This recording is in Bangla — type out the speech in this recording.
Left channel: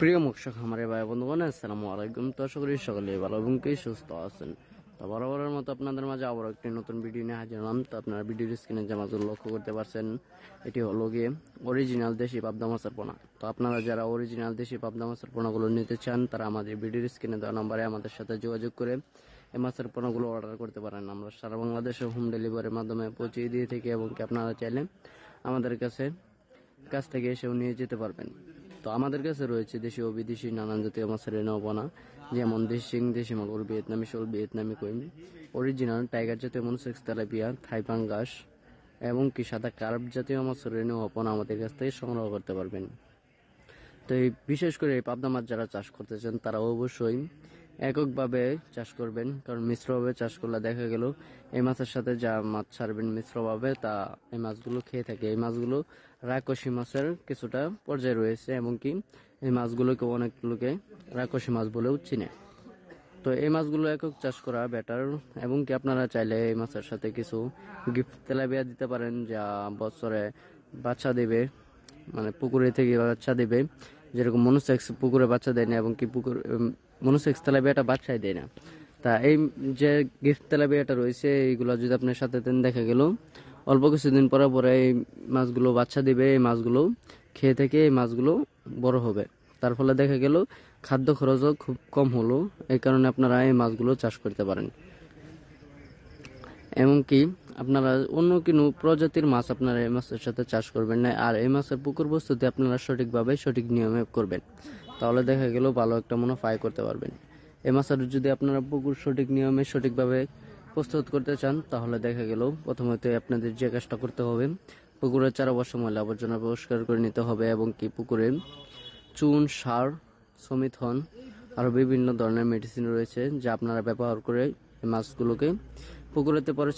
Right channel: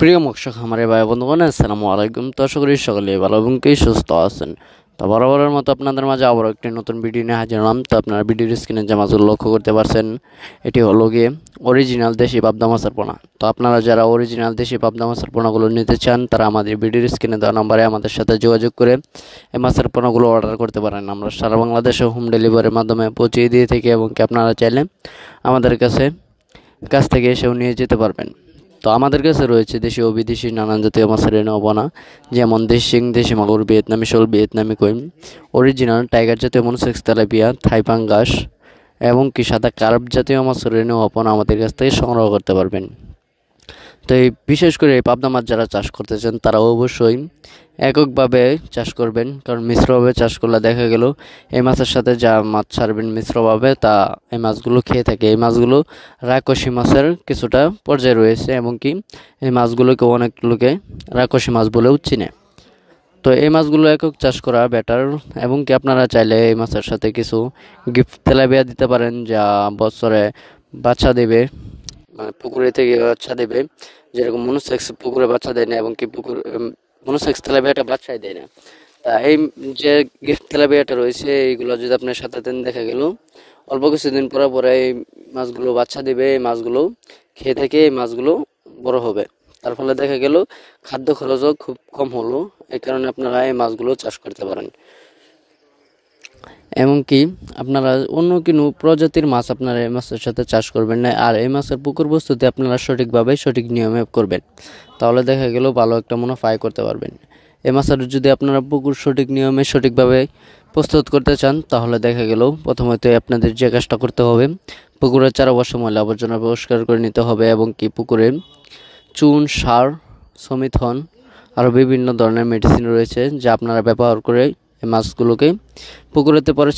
প্রিয় মৎস্য খামারে ভাই বন্ধুগণ, আসসালামু আলাইকুম। তো আশা করি সকলেই ভালো এবং কি সুস্থ আছেন। তো বরাবরের মতো আপনাদের মাঝে আবারও একটি নতুন ভিডিও নিয়ে হাজির হলাম। তো আপনারা ভিডিওর স্ক্রিনে যে মাছগুলো লক্ষ্য করতে পারছেন, এটি হলো গিয়ে অরিজিনাল দেশি পাবদা মাছের পোনা। তো আপনারা যারা অরিজিনাল দেশি পাবদা মাছের পোনাগুলো নিতে চান, তারা আমাদের ভিডিওর স্ক্রিনে দেওয়া নম্বরে আমাদের সাথে যোগাযোগ করে এই মাছের পোনাগুলো অর্ডার করতে পারেন। আমরা সারা বাংলাদেশে হোম ডেলিভারির মাধ্যমে পৌঁছে দিয়ে থাকি এবং কি আপনারা চাইলে আমাদের কাছ থেকে এসেও নিয়ে যেতে পারবেন। তো আমাদের কাছে রয়েছে দেশি ও বিদেশি নানান জাতীয় মাছের পোনা, যেমন দেশি দেশি মাগুর, ভিয়েতনামি শোল, ভিয়েতনামি কই, অরিজিনাল টাইগার জাতীয় মনোসেক্স, তেলাপিয়া, থাই পাঙ্গাস এবং কি সাদা কার্প জাতীয় মাছের পোনা আমাদের কাছ থেকে সংগ্রহ করতে পারবেন। তো এই বিশেষ করে এই পাবদা মাছ যারা চাষ করতে চান, তারা অবশ্যই এককভাবে চাষ করবেন, কারণ মিশ্রভাবে চাষ করলে দেখা গেল এই মাছের সাথে যা মাছ ছাড়বেন মিশ্রভাবে, তা এই মাছগুলো খেয়ে থাকে। এই মাছগুলো রাক্ষসী মাছের কিছুটা পর্যায়ে রয়েছে এবং কি এই মাছগুলোকে অনেক লোকে রাক্ষসী মাছ বলেও চিনে। তো এই মাছগুলো একক চাষ করা বেটার এবং কি আপনারা চাইলে এই মাছের সাথে কিছু গিফট তেলাপিয়া দিতে পারেন, যা বছরে বাচ্চা দেবে, মানে পুকুরে থেকে বাচ্চা দেবে। যেরকম মনোসেক্স পুকুরে বাচ্চা দেয় না এবং কি মনোসেক্স তেলাপিয়াটা বাচ্চাই দেয় না। তা এই যে গিফট তেলাপিয়াটা রয়েছে, এইগুলো যদি আপনার সাথে দেন, দেখা গেল অল্প কিছুদিন পরে পরে এই মাছগুলো বাচ্চা দিবে। এই মাছগুলো খেয়ে থেকে এই মাছগুলো বড় হবে, তার ফলে দেখা গেল খাদ্য খরচও খুব কম হলো। এই কারণে আপনারা এই মাছগুলো চাষ করতে পারেন। এমনকি আপনারা অন্য কোনো প্রজাতির মাছ আপনারা এই মাছের সাথে চাষ করবেন না, আর এই মাছের পুকুর বস্তুতে আপনারা সঠিকভাবে সঠিক নিয়মে করবেন, তাহলে দেখা গেল ভালো একটা মুনাফা আয় করতে পারবেন। এই মাছের যদি আপনারা পুকুর সঠিক নিয়মে সঠিকভাবে প্রস্তুত করতে চান, তাহলে দেখা গেল প্রথমত আপনাদের যে কাজটা করতে হবে, পুকুরের চারপাশে ময়লা আবর্জনা পরিষ্কার করে নিতে হবে এবং কি পুকুরে চুন, সার, সমিথন আরও বিভিন্ন ধরনের মেডিসিন রয়েছে, যা আপনারা ব্যবহার করে এই মাছগুলোকে পুকুরেতে পরে